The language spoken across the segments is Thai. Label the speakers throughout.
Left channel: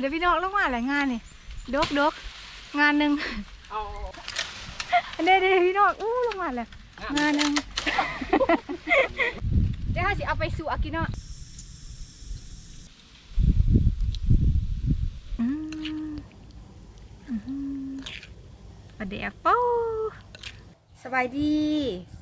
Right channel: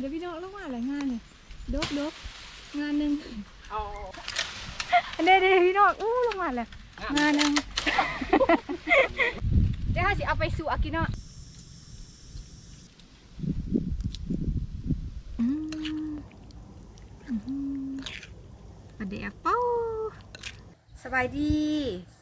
Speaker 1: เดี๋ยวพี่น้องลงมาหลายงานนี่ดกดกงานหนึ่ง
Speaker 2: เอา
Speaker 1: เด้เด้พี่น้องอู้ลงมาแล้วงานหนึ่งเดี๋ยวเราสิเอาไปสู่อากินเนาะอืมอืมประเดี๋ยวเป้า สบายดี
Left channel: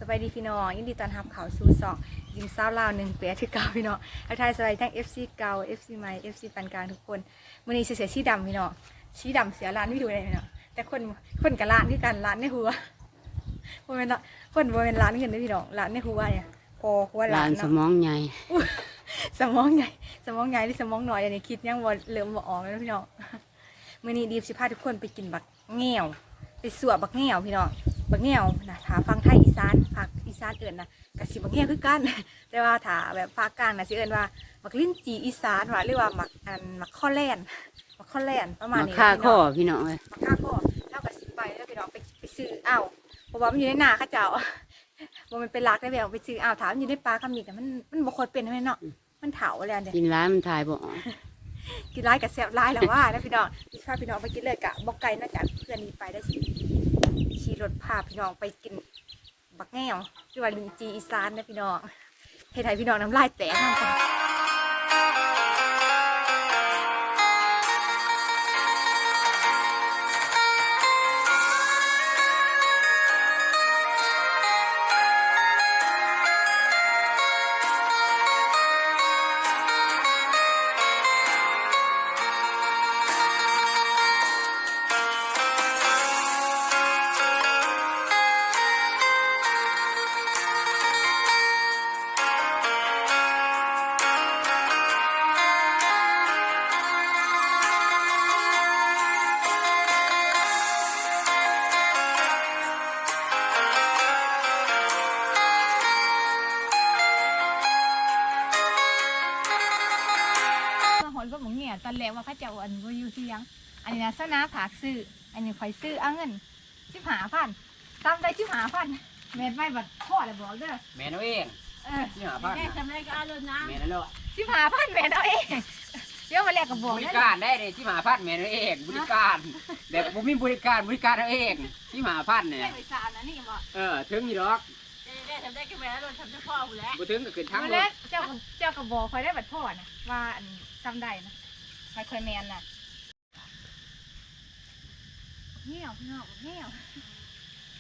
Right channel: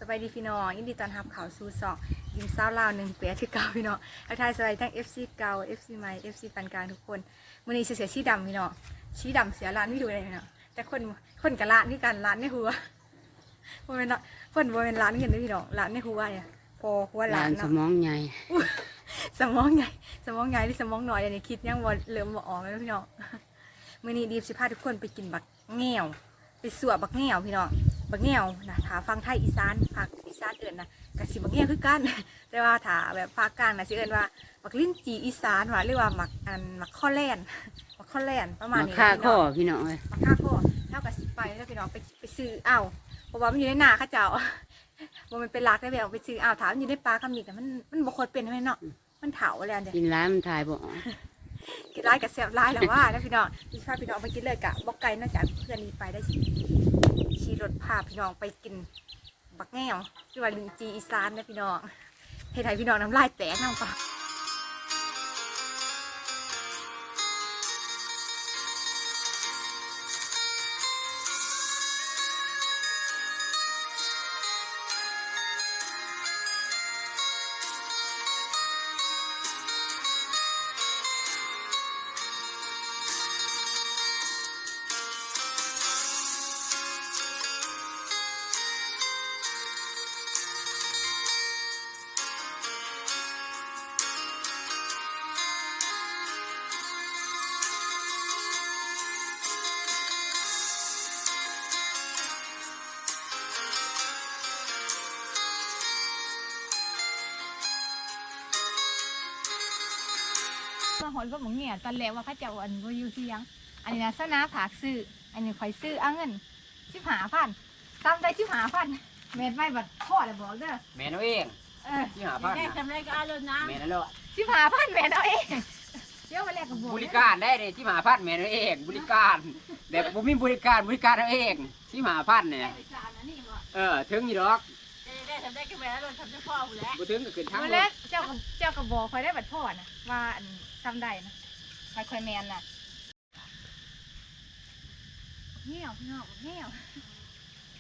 Speaker 1: สบายดีพี่น้องยินดีต้อนรับเข้าสู่สองยิงสาวลาวหนึ่งเปียที่เก่าพี่น้องทักทายสบายดีทั้ง FC เก่า FC ใหม่ FC ปานกลางทุกคนมื้อนี้เสียชีดำพี่น้องชีดำเสียร้านไม่ดูเลยพี่น้องแต่คนคนกับร้านคือกันร้านในหัวบ่แม่นละคนบ่แม่นร้านเงินเด้อพี่น้องร้านในหัวเนี่ยพอหัว
Speaker 3: ห
Speaker 1: ร้า
Speaker 3: ลานนส
Speaker 1: เนาะ
Speaker 3: มองใหญ่
Speaker 1: สมองใหญ่สมองใหญ่หรือสมองน้อยอันนี้คิดยังบ่เริ่มบ่ออกแล้วนะพี่น้องมื้อนี้ดีมสิพาทุกคนไปกินบักแง่วไปสวบักแง่วพี่น้อง บักแง่วนะถ้าฟังไทยอีสานภาคอีสานเอิ้นนะก็สิบักแง่วคือกัน แต่ว่าถ้าแบบภาคกลางน่ะสิเอิ้นว่าบักลิ้นจีอีสานว่าหรือว่ามักอันมักข้อแล่นมักข้อแล่นประมาณ
Speaker 3: มา
Speaker 1: นี้
Speaker 3: ฆ่า
Speaker 1: พี่
Speaker 3: ข้
Speaker 1: น้
Speaker 3: อ
Speaker 1: อง
Speaker 3: พี่น้องเลย
Speaker 1: มักค่าข้อเท่ากับสิไปแล้วพี่น้องไปไปซื้อเอาเพราะว่ามันอยู่ในนาเข้าเจ้าบ่แมันเป็นลักได้แบบไปซื้อเอาถามอยู่ในปลาคำนี้แต่มันมันบ่ค่อยเป็นให้เนาะมันเถาอะไรอันเดีย
Speaker 3: กินร้ายมันทายบ่ออก
Speaker 1: กินร้ายกับแซ่บร้ายแล้วว่านะพี่น้องพี่พาพี่น้องไปกินเลยกะบอกไก่น่าจะเพื่อนนี้ไปได้สิ ขี่รถพาพี่น้องไปกิน บักแง่วที่ว่าลินจีอีสานนะพี่น้องเฮ็ดให้พี่น้องน้ำลายแตกน้ำปลา ตอนแรกว่าเขาเจ้าอันบ่อยู่เที่ยง อันนี้นะสนาผากซื้อ อันนี้ข่อยซื้อเอาเงินสิบหาพันตามได้สิบหาพันแม่นไม่บัดพ่อเลยบอกเด้อ
Speaker 2: แม่นเอาเอง
Speaker 1: เออ
Speaker 2: ที่หาพัน
Speaker 1: แม่ทำไรก็เอาเลยนะ
Speaker 2: แม่นั่นแหละ
Speaker 1: สิบหาพันแม่นเอาเองเดี๋ยวมาแลกกับบอก
Speaker 2: บริ
Speaker 1: เด้อ
Speaker 2: การได้เลยที่หาพันแม่นเอาเอง บริการแบบผมมีบริการบริการเอาเองที่หาพันเนี่ย
Speaker 1: ไปสาวนะนี่บอก
Speaker 2: เออถึงอยู่ดอก
Speaker 1: ได้ทำได้ก็แม่แล้วทำได้พ่อหูแล้ว
Speaker 2: บ่ถึงก็ขึ้นทั้ง
Speaker 1: เมื่อ
Speaker 2: ร
Speaker 1: แร
Speaker 2: ถ
Speaker 1: กเจ้าก็เจ้าก็บอกคอยได้บัดพ่อนะว่าอันจำได้นะ คอยคอยแมนน่ะเงี้ยวพี่น้องเงี้ยว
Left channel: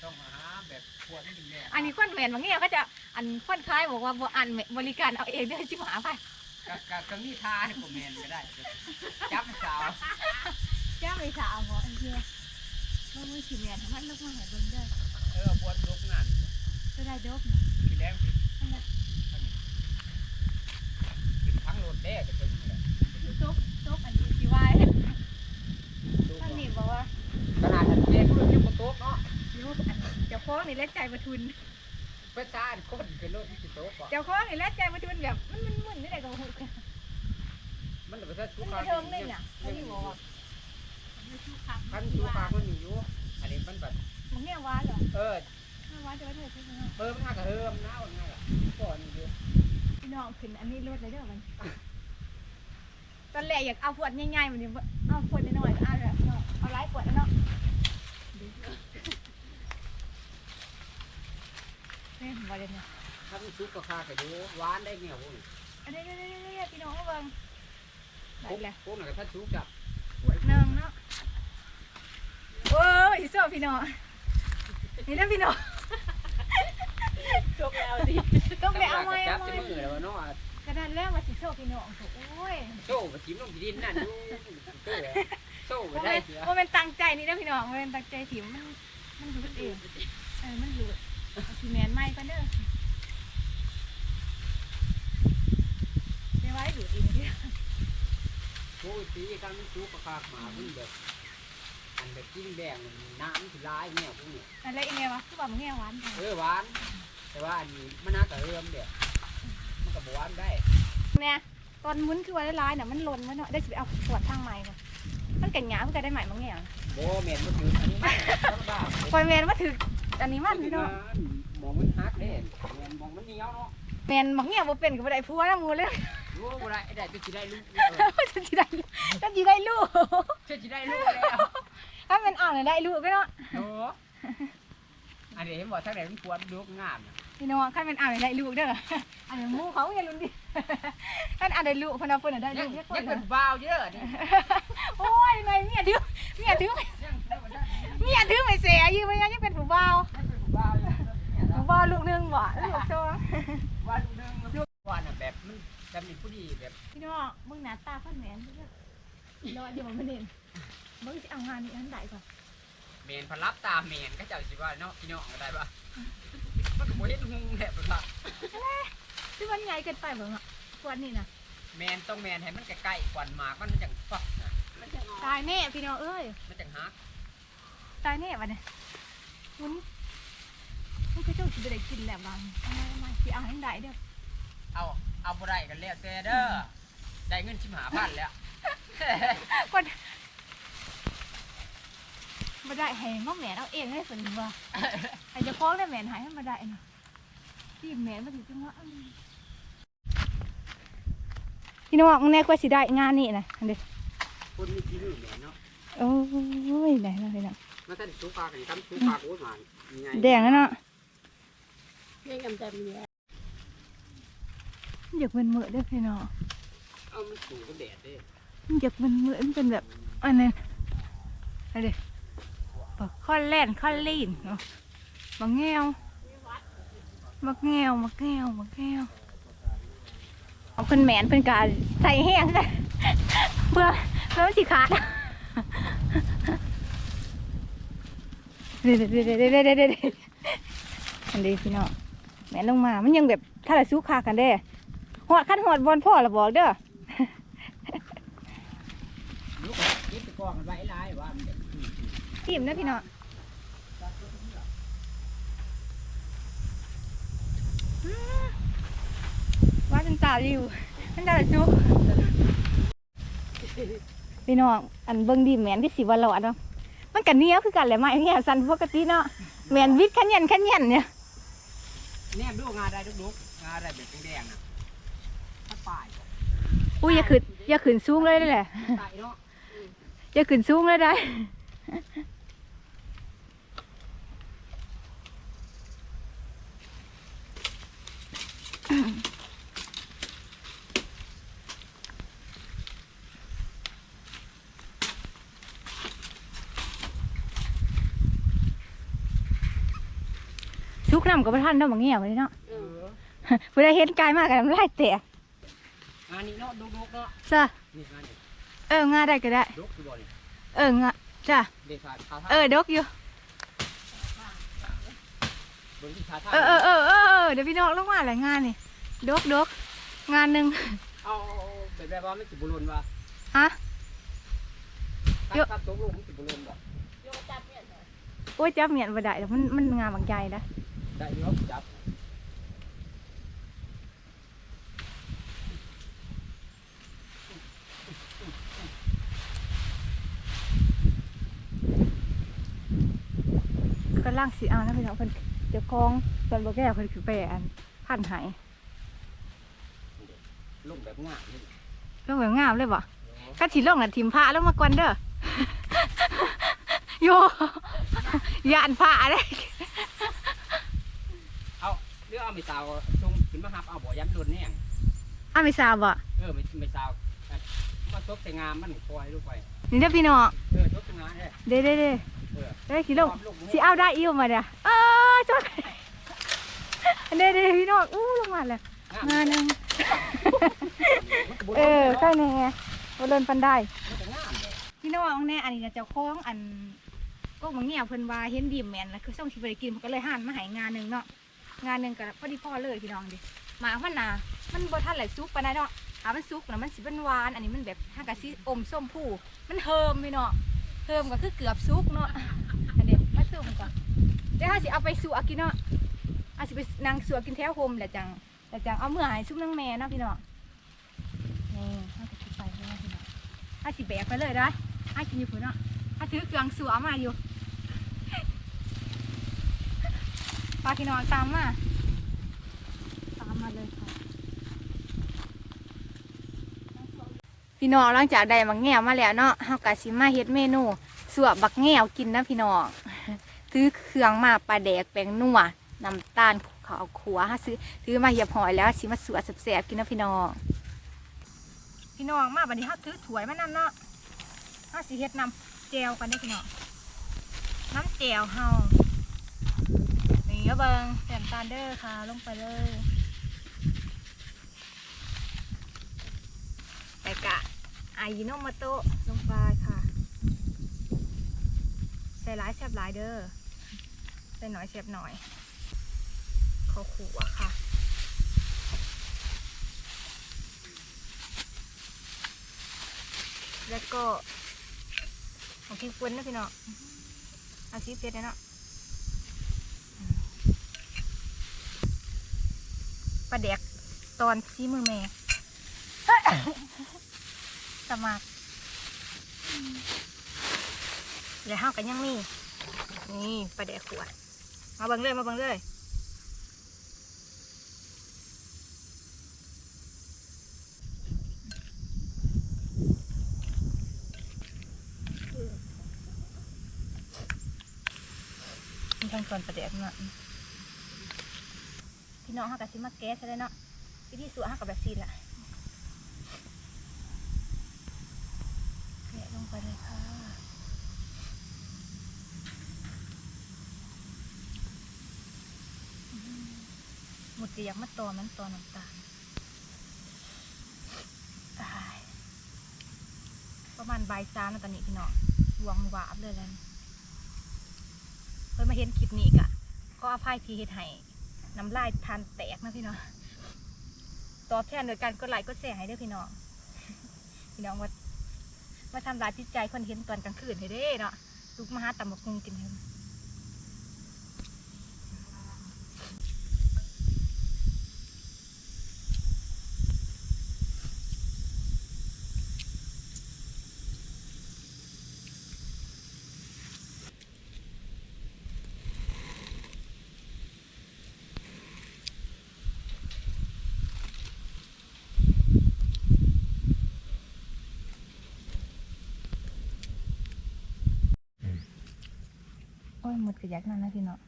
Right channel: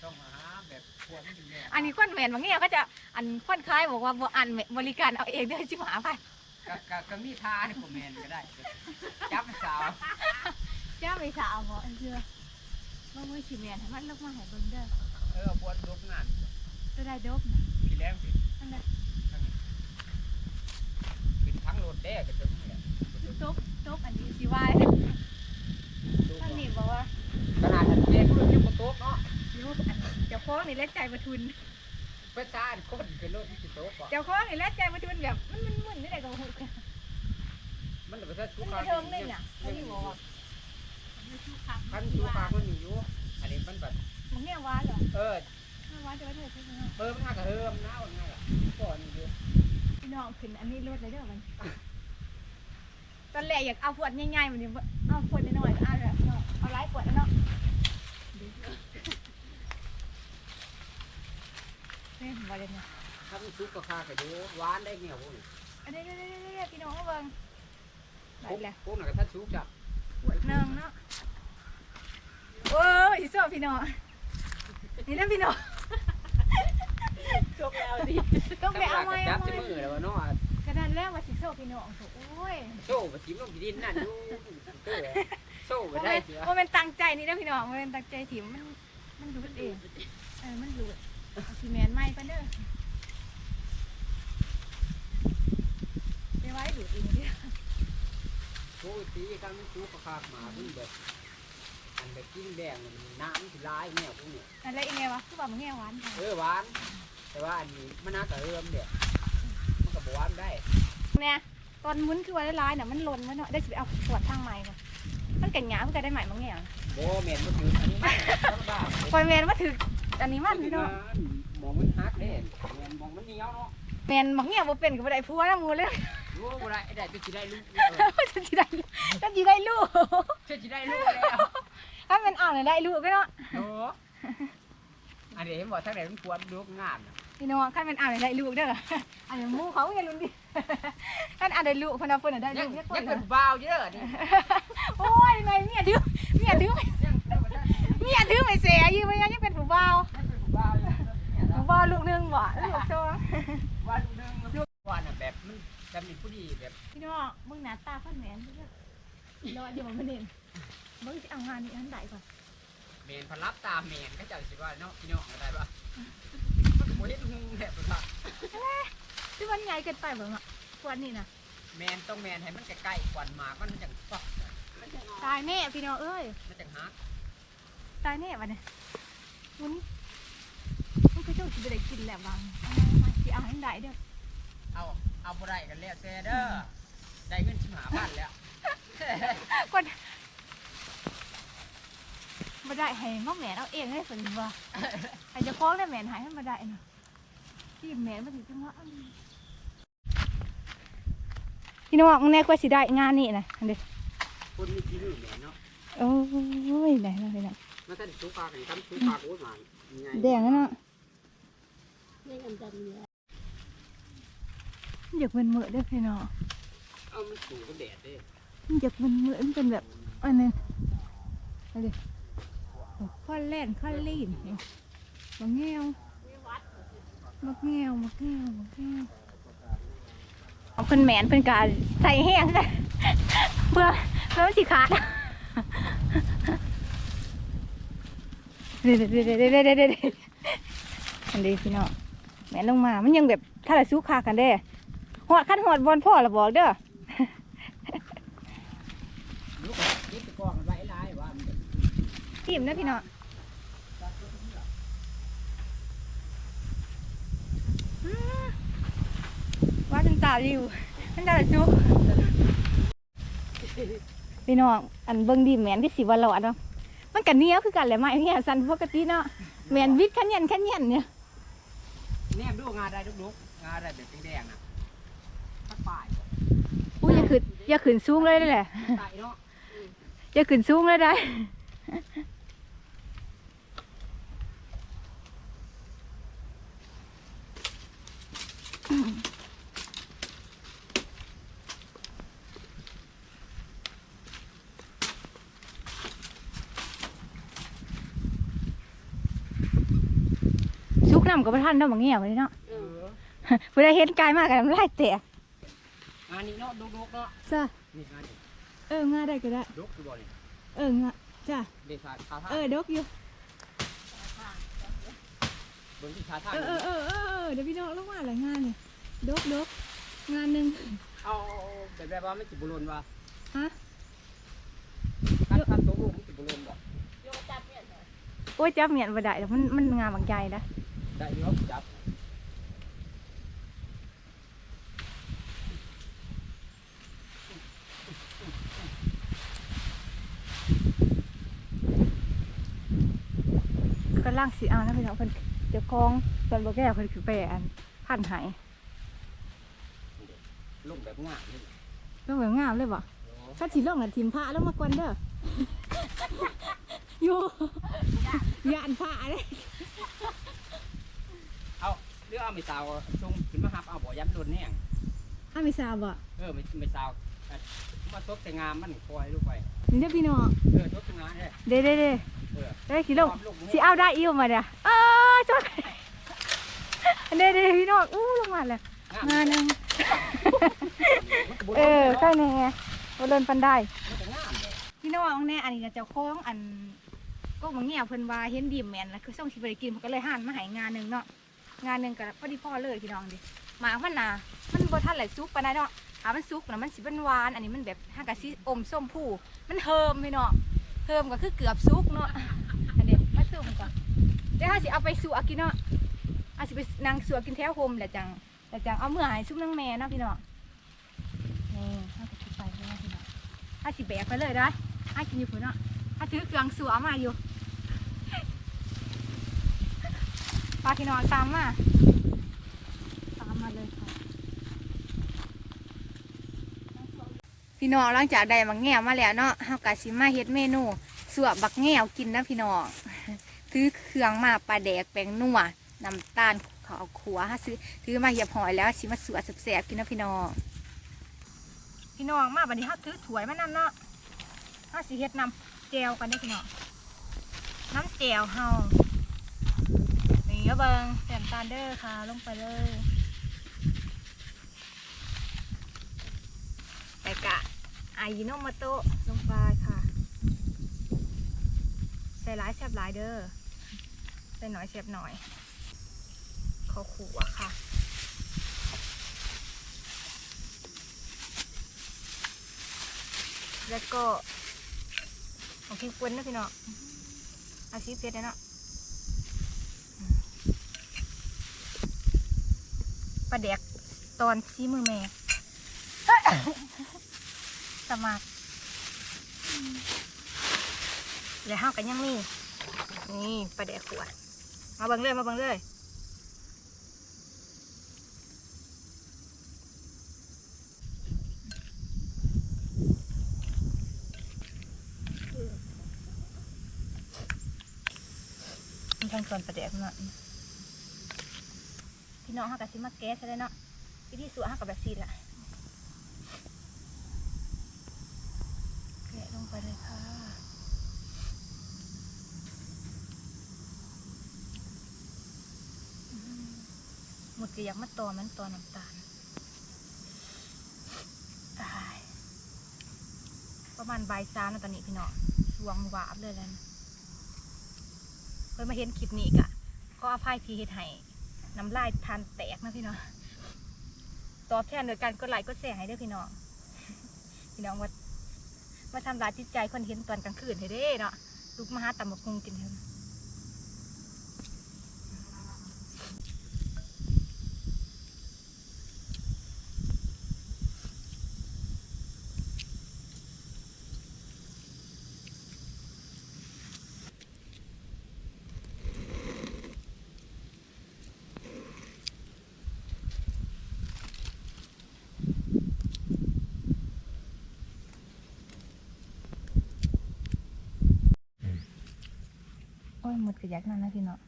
Speaker 2: ต้องมาหาแบบพวกนี้แม่
Speaker 1: อันนี้คนแมนบางเงี้ยวก็จะอันคนคล้ายบอกว่าบ่อันบริการเอาเองเด้อชิบหาพัน
Speaker 2: ก็ก็ก็มีทาให้ผมแม่นก็ได้จับสาว
Speaker 1: เจ้าไม่สาวบอกเชื่อว่ามือชิแมนทำมันลูกมาให้เบิ่งเด้อ
Speaker 2: เออพวกลกงาน
Speaker 1: จะได้ดบนะ
Speaker 2: พี่แรงสิ
Speaker 1: อันนั้น
Speaker 2: ขึ้นทั้งรถแด้ก็ถึงนี่แหละ
Speaker 1: ดบ ดบอันนี้สิว่าท่านนี่บอกว่า
Speaker 2: ขนาดนั้นเองเพิ่นยังบ่ตกเนาะ
Speaker 1: ลูกอันเจ้าของนี่แลกใจมาทุน
Speaker 2: เพิ่นซ่าคนขึ้นรถที่สิตกบ่
Speaker 1: เจ้าของนี่แลกใจมาทุนแบบมันมันมึนนี่ไหนก็บ่ฮู้
Speaker 2: มันบ่ทันสุ
Speaker 1: มัน
Speaker 2: ขา
Speaker 1: มาเทิงเลยน่ะท่านนี่บอกว่า
Speaker 2: คันสุขามันมีอยู่อันนี้มันแบบ
Speaker 1: มันเนี่ยว้าเหรอ
Speaker 2: เออ
Speaker 1: ไม่ว้าจะไว้เถอะใช่ไหม
Speaker 2: เออมันน่าจะเฮิมนะว่าง่ายล่ะก่อนอยู่
Speaker 1: พี่น้องขึ้นอันนี้รถเลยเด้อมันต อนแรกอยากเอาขวดง่ายๆมันยังบ่เอาขวดน้อยๆเอาแบบเนาะเอาหลายขวดเนาะนี่บ่ได้เนี่ย
Speaker 2: ถ้ามันสุกก็คาก็อยู่หวานได้เงี้ยพวกนี้
Speaker 1: อันนี้ๆๆพี่น้องเบิ่งได้แล้ว
Speaker 2: พวกนั้นก็ถ้าสุกจับ
Speaker 1: ขวดหนึงเนาะโอ้ยอีโซ่พี่น้องนี่นะพี่น้อง
Speaker 4: จบแล้วดิ
Speaker 1: ต้องไปเอาไว้เอาไว้
Speaker 2: ที่มือแล้วว่าเนาะ
Speaker 1: กระดานแรกว่า สิโซ่พี่น้องโถโอ้ย
Speaker 2: โซ่ไปจิ้มลงที่ดินนั่นอยู่เออโซ่ไป
Speaker 1: โม
Speaker 2: ได้
Speaker 1: เมน
Speaker 2: เสีย
Speaker 1: โมเมนตั้งใจนี่นะพี่น้องโมเมนตั้งใจถิ่มมันมันหลุดเองเออมันหลุดเอาซีเมนต์ไหม้ปะเด้อไปไว้หลุดเองเด้อ
Speaker 2: โอ้ยตีกันมันสุกก็คาหมาเพิ่นแบบอันแบบกินแบ่งมันน้ำสิลายเนี่ยพวกนี้
Speaker 1: อะไรอีเมลวะคือว่ามันแง่หวานค่ะ
Speaker 2: เออหวาน แต่ว่าอันนี้มันน่าจะเฮิมเด้มันก็บ่หวานได้
Speaker 1: เนี่ยตอนมุ้นคือว่าร้ายๆน่ะมันหล่นไว้เนาะได้สิไปเอาขวดทางใหม่ก่อนมันกันหยามันก็ได้ใหม่บางอย่าง
Speaker 2: บ่แม่นบ่ถืออันนี้มันธรรมดา
Speaker 1: คอยเมนว่าถืออันนี้มันพี่น้อง
Speaker 2: มองมันฮักเด้แม่นมองมันเหนียวเนาะ
Speaker 1: เมนบางอย่างบ่เป็นกับบ่ได้พัวแล้วมูเลย
Speaker 2: บรู้ว่าได้ได้จะสิได้ลูก
Speaker 1: ฉันจะได้ฉันจะได้ลูก
Speaker 2: จะสิได้ลูกแล้ว
Speaker 1: ถ้าเป็นอ่างเนี่ยได้ลูกก็เนาะ
Speaker 2: โอ้อันนี้เห็นบอกทั้งไหนมันควรลูกงามนะ
Speaker 1: พี่น้องขั้นเป็นอ่างเนี่ยได้ลูกเด้ออันนี้มูเขาอย่าลุ้นดิ ขั้นอ่างได้ลูกพนักเพิ่นนะได้
Speaker 2: ยั
Speaker 1: ลู
Speaker 2: ง
Speaker 1: กเรียก
Speaker 2: ยัง
Speaker 1: เพิ่
Speaker 2: เป็น
Speaker 1: น
Speaker 2: บ้าวเยอะนี่
Speaker 1: โอ้ยไงเมียถือเมียถือเมียถือไม่เสียยืมไปยังยังเป็นผู้บ่าว
Speaker 2: ยังเป็นบ้าวอยู่เนี่ย
Speaker 1: ผู้
Speaker 2: เนาะ
Speaker 1: บ่าวลูกหนึงบ่ลูกสอง
Speaker 2: ว่าลูกนึงลูกว่าน่ะแบบมันจะมีผู้ดีแบบ
Speaker 1: พี่น้องมึงหน้าตาค่อนแหนเด้อรอเดี๋ยวมันเด่นมึงสิเอางานนี้อันใดก่อน
Speaker 2: เมนพลับตามเมนก็เจ้าสิว่าเนาะพี่น้องอะไรปะมันก็บ่เห็นหุงแบบว่า
Speaker 1: คือมันใหญ่เกินไปบ่เนาะกวนนี่นะ
Speaker 2: แมนต้องแมนให้มันใกล้ๆควันหมากมันจังฟักนะมันจัง
Speaker 1: ตายแน่พี่น้องเอ้ย
Speaker 2: มันจังฮัก
Speaker 1: ตายแน่วะเนี่ยมันมันก็เจ้าสิบ่ได้กินแล้วบางเอามามาสิเอาให้ได้เด้อ
Speaker 2: เอาเอาบ่ได้กันแล้วแต่เด้อได้เงินชิมหาพันแล้ว
Speaker 1: คนบ่ได้ให้มาแม่นเอาเองให้เพิ่นว่าให้เจ้าของได้แม่นให้ให้มาได้เนาะที่แม่นมาสิจังว่าอันนี้ พี่น้องแน่กว่าสิได้งานนี่นะอันเด้อ
Speaker 2: คนมีที่นี่แหม่เนาะ
Speaker 1: โอ้ยได้แล้วพี่น้อง
Speaker 2: มาท่านสูปลากันทำสูปลาโอ้ยหมาใหญ่
Speaker 1: แดงแล้วเนาะ
Speaker 3: ไม่กำจัดมีแล้ว
Speaker 1: อยากมันเหมือเด้อพี่น้อง
Speaker 2: เอามันสูก็แดดเด้
Speaker 1: มันอยากมันเหมือนเป็นแบบอันนั้นอะไรบักข้อแล่นข้อลีนเนาะบักแงวบักแงวบักแงวบักแงว เอาเพิ่นแหมนเพิ่นกาใส่แห้งเพื่อเพื่อมันสิขาดเด็ดเด็ดเด็ดเด็ดเด็ดเด็ดเด็ดอันนี้พี่น้องแหมนลงมา มันยังแบบถ้าเราสู้คากันได้หอดขั้นหอดบอลพ่อละบอกเด้อ
Speaker 2: ลูกยึดตะกองกันไว้หลายว่ามันจะ
Speaker 1: อิ่มนะพี่น้องอืม ว่าจนตาอยู่มันตาจุกพี่น้องอันเบิ่งดีแมนที่สิว่าหลอดเนาะมันกันเนี้ยคือกันแหละไม่เนี่ยสันปกติเนาะแมนวิทย์ขันยันขันยันเนี่ย
Speaker 2: แนมดูงาได้ลูกๆงาได้แบบแดงๆน่ะถ้าป่าย
Speaker 1: อุ้ยอย่าขึ้นอย่าขึ้นสูงเลยได้แหละ
Speaker 2: ตายเนาะ
Speaker 1: อย่าขึ้นสูงเลยได้ ซุกน้ำกับพระท่านเนาะบางเงี้ยไว้เนาะ
Speaker 2: เออ
Speaker 1: เวลาเห็นกายมากกันน้ำลายแตก
Speaker 2: งานนี้เนาะลูกๆเนาะ
Speaker 1: จ้ะ
Speaker 2: นี่งานนี้
Speaker 1: เอองาได้ก็ได้
Speaker 2: ลูกคือบ่นี่
Speaker 1: เอองาจ้ะ
Speaker 2: เด็กขาขาท่า
Speaker 1: เออดกอยู่
Speaker 2: เบิ่งที่ขาท่า
Speaker 1: เออเออเออเออเออเดี๋ยวพี่น้องลงมาหลายงานนี่ดกดกงานหนึ่ง
Speaker 2: เอาแบบแบบว่ามันสิบุรุนว่า
Speaker 1: ฮะ
Speaker 2: การ
Speaker 1: เยอะ
Speaker 2: ทำตัวลูกมันสิบุรุนบ่
Speaker 3: โยจับเนี่ยเหรอ
Speaker 1: โอ้ยจับเมียนบ่ได้แล้วมันมันงานบางใจนะ
Speaker 2: ได้เนาะจับ
Speaker 1: ก็ล่างสีเอานะพี่น้องเพิ่นเดี๋ยวกองตอนบ่แก้วเพิ่นคือไปอันพันไหาย
Speaker 2: ลูกแบบงามนี่
Speaker 1: ลงแบบงามเลยบ่ถ้าสิลงน่ะทิมผ้าแล้วมากวนเด้อโยยานผ้าเด้
Speaker 2: เอาเรื่องเอาไม่สาวชงขึ้นมาหับเอาบ่ยันโดนแห้ง
Speaker 1: อ้าวไม่ทราบบ่
Speaker 2: เออไม่ไม่สาวอะมาซบแต่งามมันคอยลูกไป
Speaker 1: นี่เด้อพี่น้อง
Speaker 2: เออซบแต่งามเด้
Speaker 1: เด้เด้เด้
Speaker 2: เออ
Speaker 1: เด้สิลง
Speaker 2: ความลูกมัน
Speaker 1: สิเอาได้อิ่วมาเด้อเออจดเด้เด้พี่น้องอู้ลงมาแล้ว
Speaker 2: งาม
Speaker 1: งานหนึง
Speaker 2: มันก็บ่
Speaker 1: เออ
Speaker 2: โด
Speaker 1: ใช่
Speaker 2: น
Speaker 1: แน่บ่เลินปันได้
Speaker 2: มันก็งามเลย
Speaker 1: พี่น้องแน่อันนี้ก็เจ้าของอันก็บางเงี้ยเพิ่นว่าเห็นดีแมนแล้วคือส่งสิบ่ได้กินเพิ่นก็เลยหันมาให้งานหนึงเนาะ งานหนึ่งก็พอดีพอเลยพี่น้องดิหมาพันนามันบ่ทันไหลสุกปานใดเนาะถ้ามันสุกนะมันสิเป็นหวาน อันนี้มันแบบห้ากะสิอมส้มผู้มันเฮิมพี่น้องเฮิมก็คือเกือบสุกเนาะอันนี้มาซุ่มก่อนเดี๋ยวเฮาสิเอาไปสู่อากินเนาะอาสิไปนั่งสัวกินแถวโฮมแหละจังแล้วจังเอาเมื่อให้ซุปนางแม่เนาะพี่น้องนี่เฮาก็สิไปเนาะพี่น้องเฮาสิแบกไปเลยได้เฮากินอยู่พุ่นเนาะเฮาถือเครื่องสัวมาอยู่ ปลาพี่น้องตามมาตามมาเลยค่ะพี่น้องหลังจากได้บักแง่มาแล้วเนาะเฮากะสิมาเฮ็ดเมนูสวบบักแง่กินนะพี่น้องซื้อเครื่องมาปลาแดกแป้งนัวน้ำตาลข้าวขัวฮะซื้อซื้อมาเหยียบหอยแล้วสิมาสวดแสบๆกินนะพี่น้องพี่น้องมาบัดนี้เฮาถือถ้วยมานำเนาะเฮาสิเฮ็ดน้ำแจวกันเด้พี่น้องน้ำแจวเฮา นี่เอเบิ่งแซมตาเด้อค่ะ ลงไปเลยแต่กะอายิโนโมโตะลงไปค่ะ ใส่หลายแซบหลายเด้อใส่หน่อยแซบหน่อยข้าวขัวค่ะแล้วก็ของพริกป่นนะพี่น้องเอาชีสเผ็ดเนาะอืม ปลาแดกตอนซีมือแม่สมัครเดี๋ยวห้ากันยังมีนี่ปลาแดกขวดมาเบังเลยมาเบังเลยมีขั้นตอนปลาแดกเนาะ พี่น้องห้ากันซิมาแก๊สซะเลยเนาะวิธีสูตรห้ากับแบบซีแหละแกะลงไปเลยค่ะหมดก็อยากมาตอมันตอน้ำตาลตายประมาณบ่ายสามแล้วตอนนี้พี่น้องสวงวาบเลยแล้วเพิ่นมาเห็นคลิปนี้กะก็อภัยที่เฮ็ดให้ น้ำลายทานแตกนะพี่น้องตอบแทนโดยการกดไลค์กดแชร์ให้ด้อพี่น้อง พี่น้องว่ามาทำลายจิตใจคนเห็นตอนกลางคืนให้ได้เนาะลุกมาหาตำบักคุงกินเถอะ อ้ยหมดกระยักนั่นนะพี่น้อง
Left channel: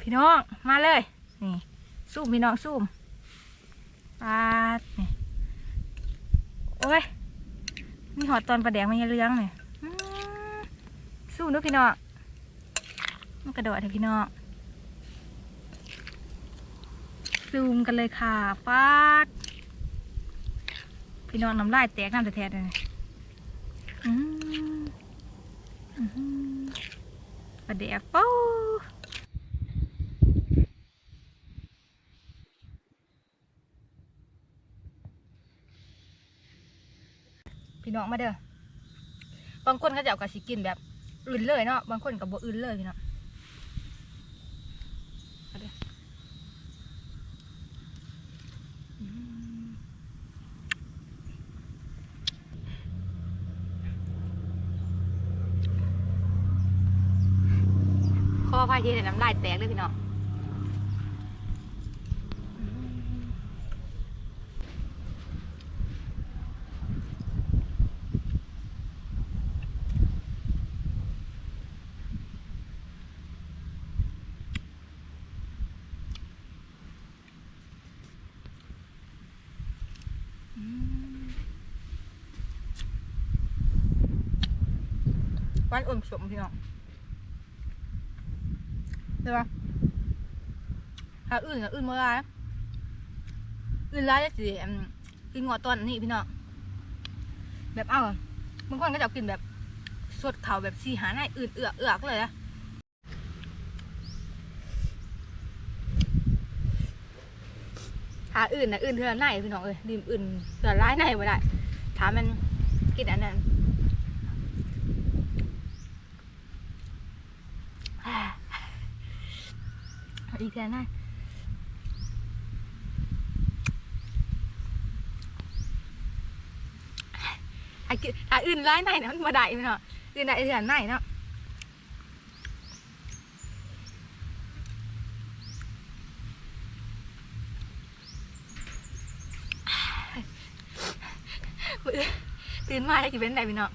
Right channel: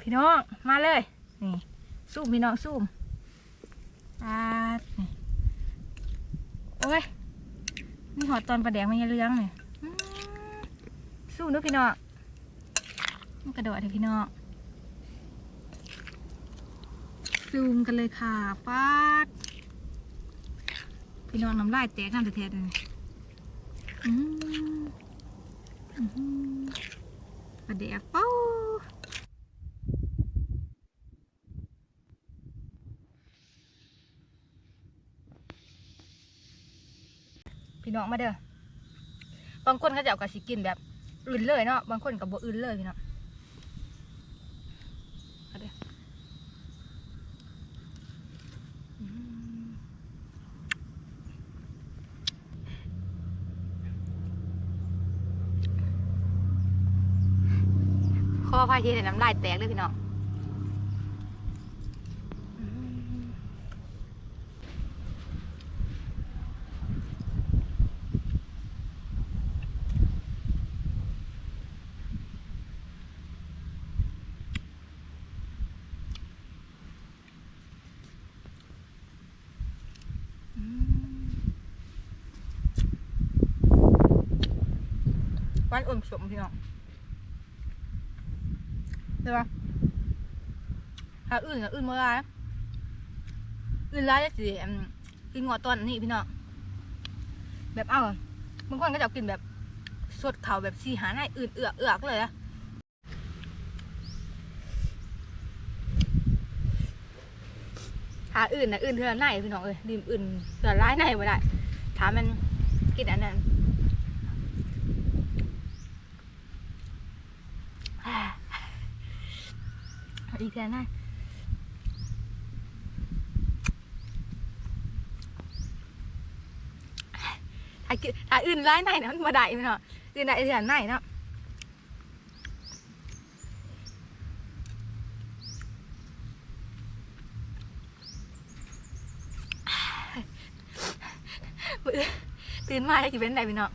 Speaker 1: พี่น้องมาเลยนี่ซูมพี่น้องซูมปาดนี่โอ้ยมีหอดตอนประแดงมันยังเลี้ยงเนี่ยอื้อซูมดูพี่น้องมันกระโดดเถอะพี่น้องซูมกันเลยค่ะปาดพี่น้องน้ำลายแตกน้ำแท้ๆเลยอืม ปลาแดกเป้าพี่น้องมาเด้อบางคนเขาจะเอากระสิกินแบบอื่นเลยเนาะบางคนกับบอื่นเลยพี่น้องมาเด้ออืมข อพายทีแต่น้ำลายแตกเลยพี่น้องอืมอืมหวานอมสมพี่น้อง ใช่ปะถ้าอื่นกับอื่นเมื่อไรอื่นไร้ายจะสิอืมกินงอตอนนี้พี่น้องแบบเอ้าบางคนก็จะกินแบบสดเข่าแบบสีหาในอื่นเอือกเอือกเลยอะหาอื่นนะอื่นเท่าไหนพี่น้องเอ้ยริมอื่นเท่าร้ายในไม่ได้ถามมันกินอันนั้น อีกแค่นั้นถ้าถ้าอื่นร้ายไหนนะมันมาได้เนาะอื่นได้อื่นไหนเนาะตื่นมาได้กี่เป็นไรพี่น้อง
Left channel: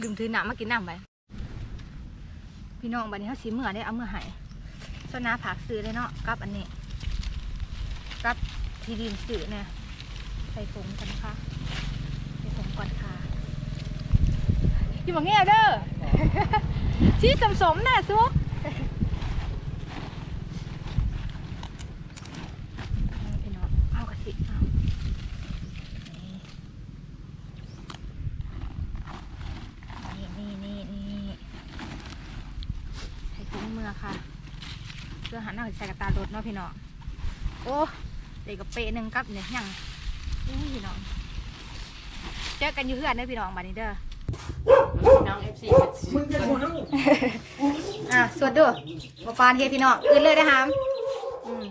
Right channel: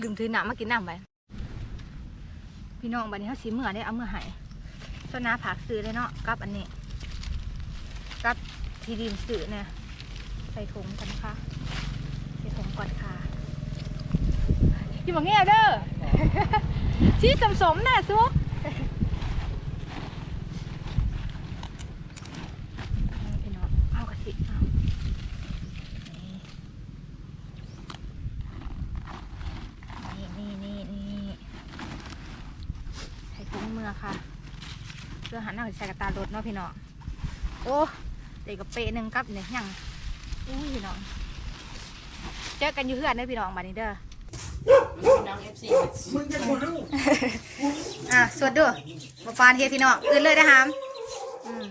Speaker 1: ลืมถือน้ำมากินน้ำไป พี่น้องบัดนี้เขาสีเมื่อได้เอาเมื่อหายโซนาผักซื้อเลยเนาะกับอันนี้กับทีดินซื้อเนี่ยใส่ถุงกันนะคะใส่ถุงก่อนค่ะอย่าบอกเงี้ยเด้อชี้สมสมน่ะซุกพี่น้องเอากระสิเอานี่นี่นี่นี่ใส่ ถุงมือค่ะเพื่อหันหน้าใส่กระตารถเนาะพี่น้องโอ้เด็กกับเปะหนึ่งกับเนี่ยยังอุ้ยพี่น้องเจอกันอยู่เพื่อนเด้อพี่น้องบัดนี้เด้อ
Speaker 3: น้องเอฟซี
Speaker 1: อะสวดด้วยมาฟานเฮดพี่น้องอื่นเลยนะฮามอืม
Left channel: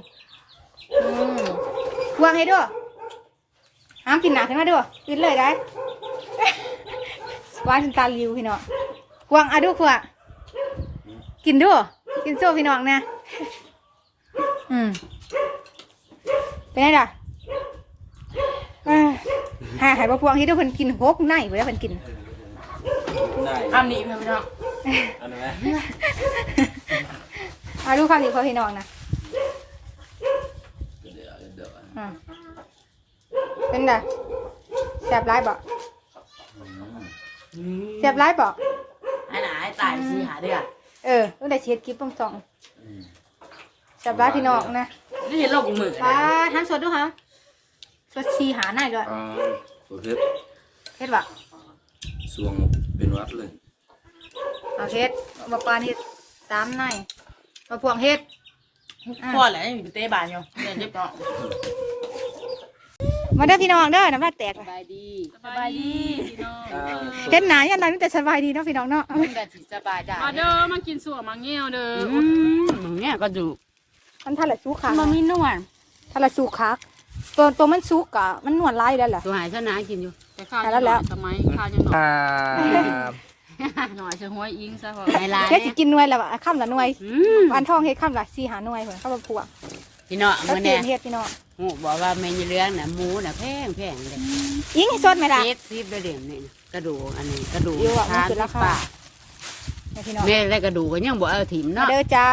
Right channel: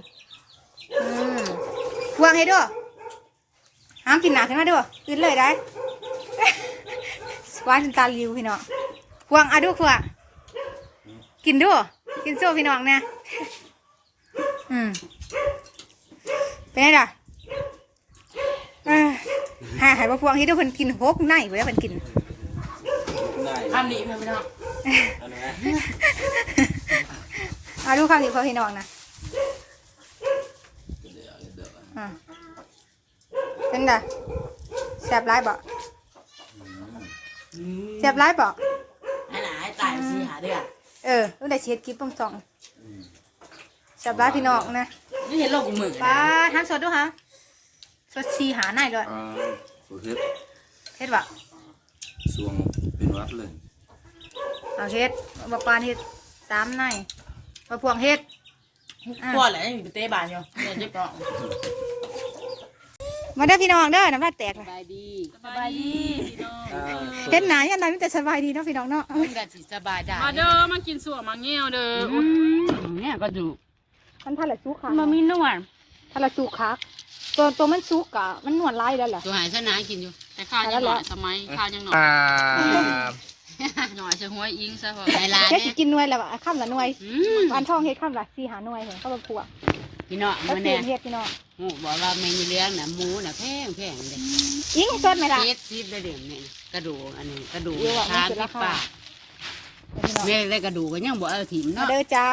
Speaker 1: อืมพวงให้ด้วยห้ามกินหนาขึ้นมาด้วยอื่นเลยได้วานถึงตาลิวพี่น้องพวงอะดูพวง กินด้วยกินโซ่พี่น้องเนี่ยอืมเป็นไงล่ะเอ้ยหาหายมาพวงให้ด้วยเพิ่นกินหกในเว้ยเพิ่นกิน
Speaker 3: อ้ามหนีเพื่อนพี่น้อง
Speaker 4: อันนี้ไหม
Speaker 1: เอาดูคำนี้พอพี่น้องนะ
Speaker 4: เดี๋ยวเดี๋ยว
Speaker 1: อ่าเป็นไงแสบร้ายบ่แสบร้ายบ่
Speaker 3: ให้หนาให้ตายซีหาเดือด
Speaker 1: เออต้องได้เช็ดคลิปต้องสองแสบร้ายพี่น้องนะ
Speaker 3: นี่เห็นโลกของมือ
Speaker 1: ป้าทำสดดูฮะสดชีหาหน่อยด้วย
Speaker 4: อ่าโอเค
Speaker 1: เฮ็ดบ่
Speaker 4: สวงเป็นวัดเลย
Speaker 1: เอาเฮ็ดบ่ปานเฮ็ดตามหน่อยบ่พวงเฮ็ด
Speaker 3: พ่อแหละยังอยู่เตะบานอยู่เนี่ยเจ็บเนาะ
Speaker 1: มาเด้อพี่น้องเด้อน้ำลายแตก
Speaker 3: ส
Speaker 1: เลย
Speaker 3: บายดี สบายดีพี่น้อง
Speaker 1: เฮ็ดหนายันใดมีแต่สบายดีเนาะพี่น้องเนาะ
Speaker 3: มันแบบสบายได้
Speaker 5: มาเด้อมากินสัวมาเงี้ยวเด้ออ
Speaker 3: เนี่ยก็ดู
Speaker 1: มันทันละสู้ขา
Speaker 3: มันมีนวล
Speaker 1: ทันละสู้คักตัวตัวมันสุกอะมันนวลลายแล้วล่ะ
Speaker 3: ตัวหายชนะกินอยู่
Speaker 5: แต่ข้าวยังหน่อยสมัยข้าวยังหน่อย
Speaker 4: อ่า
Speaker 5: หน่อยจะห้วยอิงซะพอ
Speaker 3: ในร้าน
Speaker 1: แค่สิ
Speaker 3: เนี่ย
Speaker 1: กินหน่วยละวะค่ำละหน่วย
Speaker 3: อืม
Speaker 1: วันทองเฮ็ดค่ำละสี่หาหน่วยเหมือนข้าวบะพวง
Speaker 3: พี่น้อง
Speaker 1: แล้ว
Speaker 3: มัน
Speaker 1: เตี
Speaker 3: เนี่ย
Speaker 1: นเฮ็ดพี่น้อง
Speaker 3: โอ้บอกว่าแมงมีเลี้ยงน่ะหมูน่ะแพงแพงเลย
Speaker 1: ยิงให้สดไหมล่ะ
Speaker 3: เจ็ดสิบเลยเด็กนี่กระดูกอันนี้กระดูก
Speaker 1: เยอะอะมัน
Speaker 3: ทาน
Speaker 1: คือรา
Speaker 3: ที่
Speaker 1: คา
Speaker 3: ปาก
Speaker 1: พี่น้อง
Speaker 3: แม่ได้กระดูกก็ยังบ่เอาถิ่ม
Speaker 1: มา
Speaker 3: เนาะ
Speaker 1: เด้อจ้า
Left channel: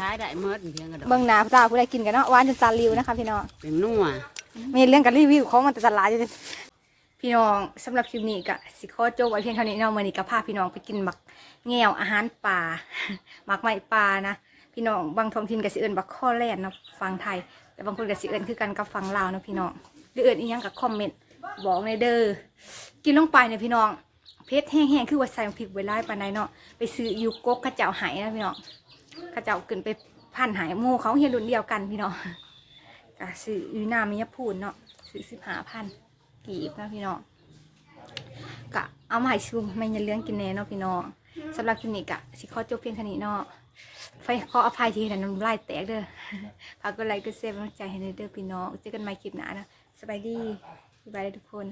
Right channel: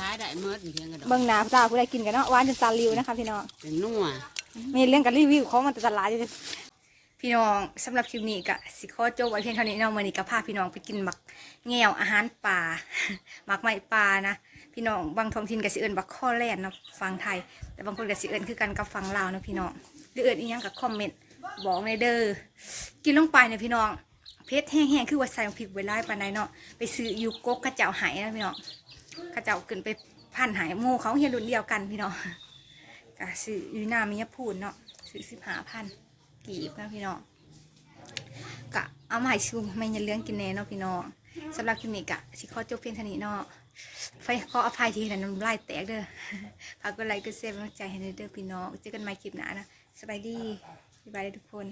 Speaker 3: ท้ายได้เมื่อเพียงกระดูก
Speaker 1: เบิ่งหน้าตาผู้ใดกินกันเนาะหวานจนตาลิวนะคะพี่น้อง
Speaker 3: เป็นนัว
Speaker 1: มีเรื่องกันรีวิวของมันแต่ตลาดอยู่เลยพี่น้องสำหรับคลิปนี้ก็สิขอจบไว้เพียงเท่านี้เนาะมื้อนี้ก็พาพี่น้องไปกินหมักแง่วอาหารป่า หมักไม้ป่านะ พี่น้องบางท้องถิ่นก็สิเอิ้นบักข้อแล่นเนาะฟังไทย แต่บางคนก็สิเอิ้นคือกันกับฟังลาวนะพี่น้องหรือเอิ้นอีหยังก็คอมเมนต์บอกในเด้อกินลงไปนี่ยพี่น้องเผ็ดแห้งๆคือว่าใส่พริกไว้หลาปานใดเนาะไปซื้อยู่กกกระเจ้าหายนะพี่น้องกระเจ้าขึ้นไปพันหายโมเขาเฮียรุ่นเดียวกันพี่น้องก็ซื้อยูนามียพูนเนาะซื้อสิบห้าพันกีบนะพี่น้องกะเอามาให้ชุมไม่ยันเลี้ยงกินแน่เนาะพี่น้องสำหรับคลิปนี้กะสิขอจบเพียงเท่านี้เนาะ ไฟขออภัยทีนะน้ำลายแตกเด้อฝากกดไลค์กดแชร์กำลังใจให้หน่อยเด้อพี่น้องเจอกันใหม่คลิปหน้านะสบายดีสบายดีทุกคน